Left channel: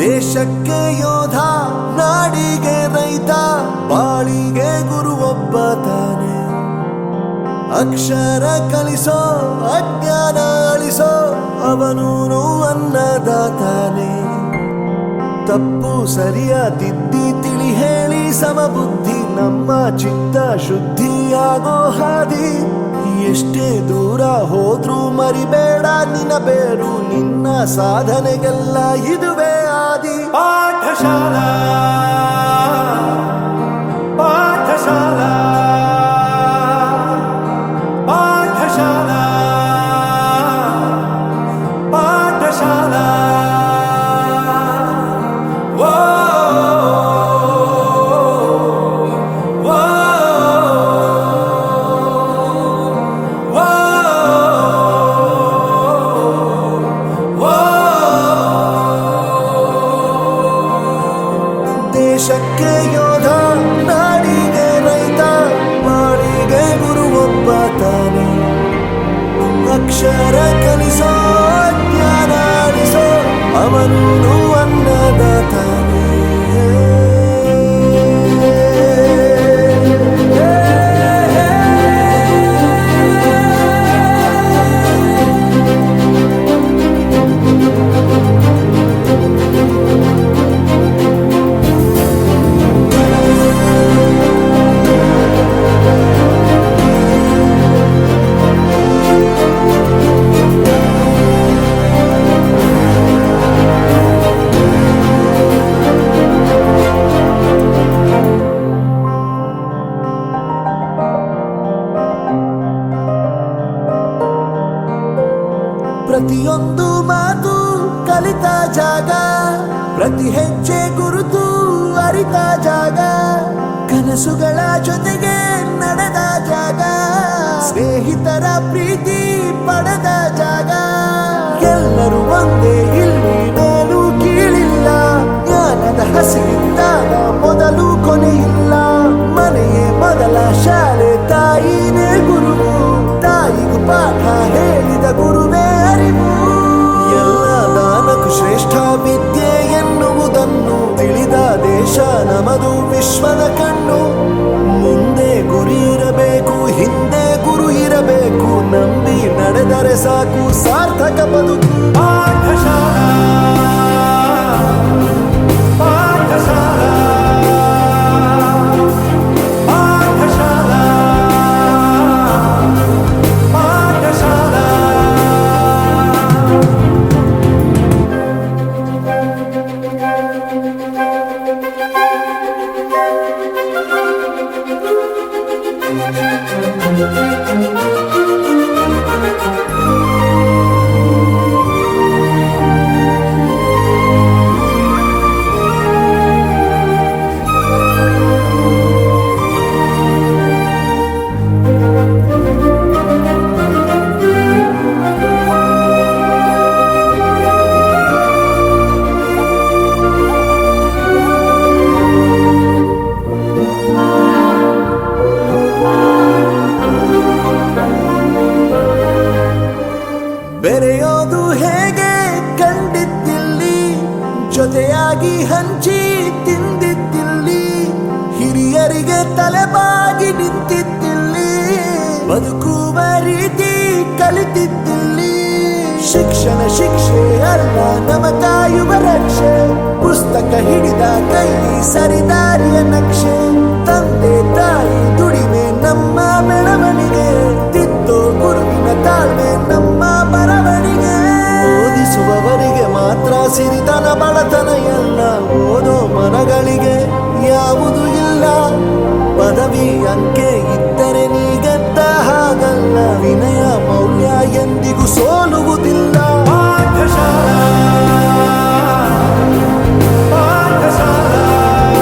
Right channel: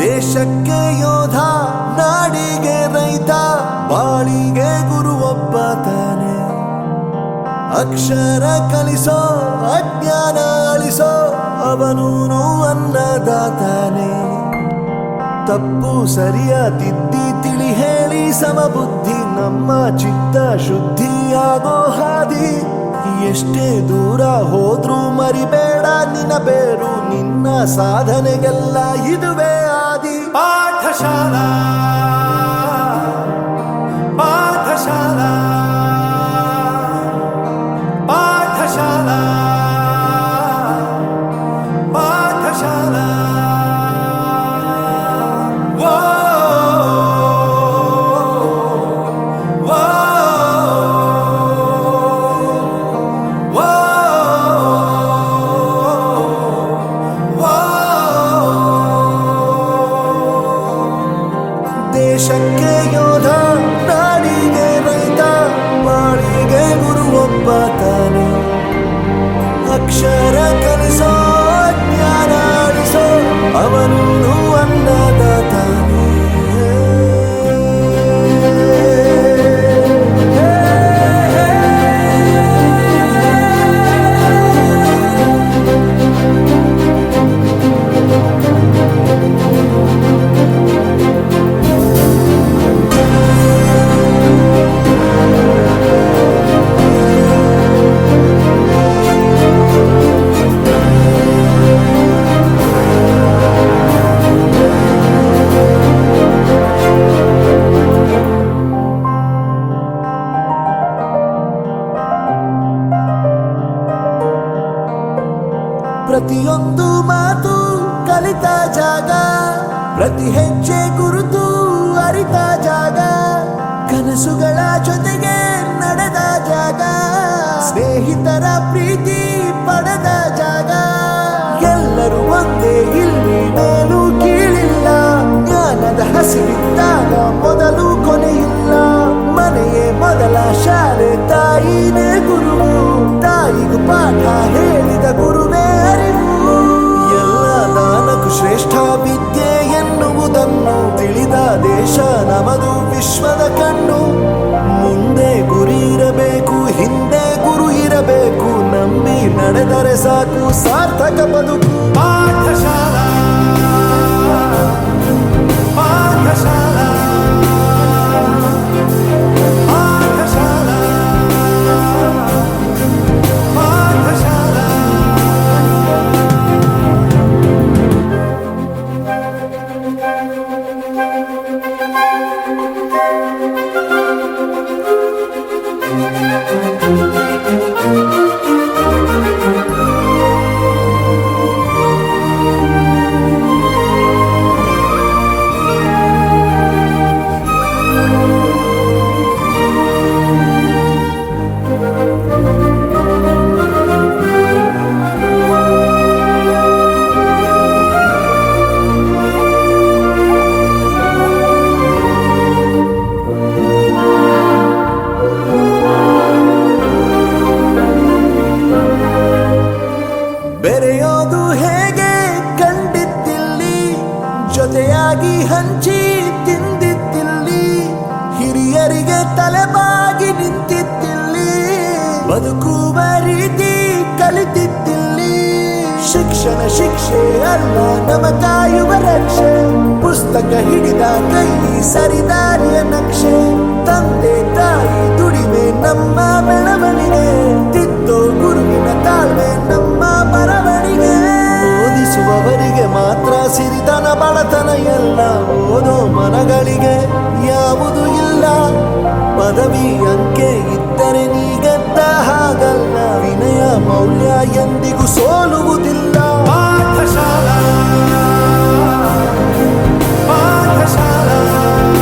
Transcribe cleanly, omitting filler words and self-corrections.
ದೇಶಕ್ಕೆ ಯೋಧ, ನಾಡಿಗೆ ರೈತ, ಬಾಳಿಗೆ ಗುರು ಒಬ್ಬ ತಾನೆ. ಅಕ್ಷರ ಕಲಿಸೋ, ಅಜ್ಞಾನ ಅಳಿಸೋ, ಅವನೂನು ಅನ್ನದಾತಾನೆ. ತಪ್ಪು ಸರಿಯ ತಿದ್ದಿ ತಿಳಿ ಹೇಳಿ ಸಮಬುದ್ಧಿ ನಮ್ಮ ಚಿತ್ತ ಶುದ್ಧಿಯಾಗೋ ಹಾದಿ. ಎಷ್ಟೇ ದೂರ ಹೋದ್ರೂ ಮರಿಬೇಡ ನಿನ್ನ ಬೇರು, ನಿನ್ನ ಸಾಧನೆಗೆಲ್ಲ ಇದುವೇ ಆದಿ. ಪಾಠಶಾಲಾ ಪಾಠಶಾಲಾ ಪಾಠಶಾಲಾ ಪಾಠಶಾಲಾ. ದೇಶಕ್ಕೆ ಯೋಧ, ನಾಡಿಗೆ ರೈತ, ಬಾಳಿಗೆ ಗುರು ಒಬ್ಬ ತಾನೆ. ಅಕ್ಷರ ಕಲಿಸೋ, ಜ್ಞಾನ ಅಳಿಸೋ, ಅವನೂನು ಅನ್ನದಾತಾನೆ. ಪ್ರತಿಯೊಂದು ಮಾತು ಕಲಿತ ಜಾಗ, ಪ್ರತಿ ಹೆಜ್ಜೆ ಗುರುತು ಅರಿತ ಜಾಗ, ಕನಸುಗಳ ಜೊತೆಗೆ ನಡೆದ ಜಾಗ, ಸ್ನೇಹಿತರ ಪ್ರೀತಿ ಪಡೆದ ಜಾಗ. ಎಲ್ಲರೂ ಒಂದೇ, ಇಲ್ಲಿ ಮೇಲೂ ಕೀಳಿಲ್ಲ, ಜ್ಞಾನದ ಹಸಿವಿದ್ದಾಗ ಮೊದಲು ಕೊನೆಯಿಲ್ಲ. ಮನೆಯೇ ಮೊದಲ ಶಾಲೆ, ತಾಯಿನೇ ಗುರುವು, ತಾಯಿಗೂ ಪಾಠ ಹೇಳಿದ ಗುರುವೇ ಅರಿವು. ಎಲ್ಲ ದಾನಕ್ಕೂ ಶ್ರೇಷ್ಠ ವಿದ್ಯೆ ಎನ್ನುವುದನ್ನು ತಿಳಿದ ದೇಶ ನಮದು, ವಿಶ್ವದ ಕಣ್ಣು. ಮುಂದೆ ಗುರಿ ಇರಬೇಕು, ಹಿಂದೆ ಗುರು ಇರಬೇಕು, ನಂಬಿ ನಡೆದರೆ ಸಾಕು ಸಾರ್ಥಕ ಬದುಕು. ಬೆರೆಯೋದು ಹೇಗೆ ಕಂಡಿದ್ದಿಲ್ಲಿ, ಜೊತೆಯಾಗಿ ಹಂಚಿ ತಿಂದಿದ್ದಿಲ್ಲಿ, ಹಿರಿಯರಿಗೆ ತಲೆಬಾಗಿ ನಿಂತಿದ್ದಿಲ್ಲಿ, ಬದುಕುವ ರೀತಿ ಕಲಿತಿದ್ದಿಲ್ಲಿ. ಶಿಕ್ಷಣ ಶಿಕ್ಷೆ ಅಲ್ಲ, ನಮ ಕಾಯುವ ರಕ್ಷೆ, ಪುಸ್ತಕ ಹಿಡಿದ ಕೈ ಸರಿದಾರಿಯ ನಕ್ಷೆ. ತಂದೆ ತಾಯಿ ದುಡಿಮೆ ನಮ್ಮ ಬೆಳವಣಿಗೆ, ತಿದ್ದೋ ಗುರುವಿನ ತಾಳ್ಮೆ ನಮ್ಮ ಬರವಣಿಗೆ. ಓದಿಸುವವರಿಗೆ ಮಾತ್ರ ಸಿರಿತನ ಬಡತನ ಎಲ್ಲ, ಓದೋ ಮನಗಳಿಗೆ ಯಾವುದು ಇಲ್ಲ. ಪದವಿ ಅಂಕೆ ಇದ್ದರೆ ನೀ ಗೆದ್ದ ಹಾಗಲ್ಲ, ವಿನಯ ಮೌಲ್ಯ ಎಂದಿಗೂ ಸೋಲುವುದಿಲ್ಲ.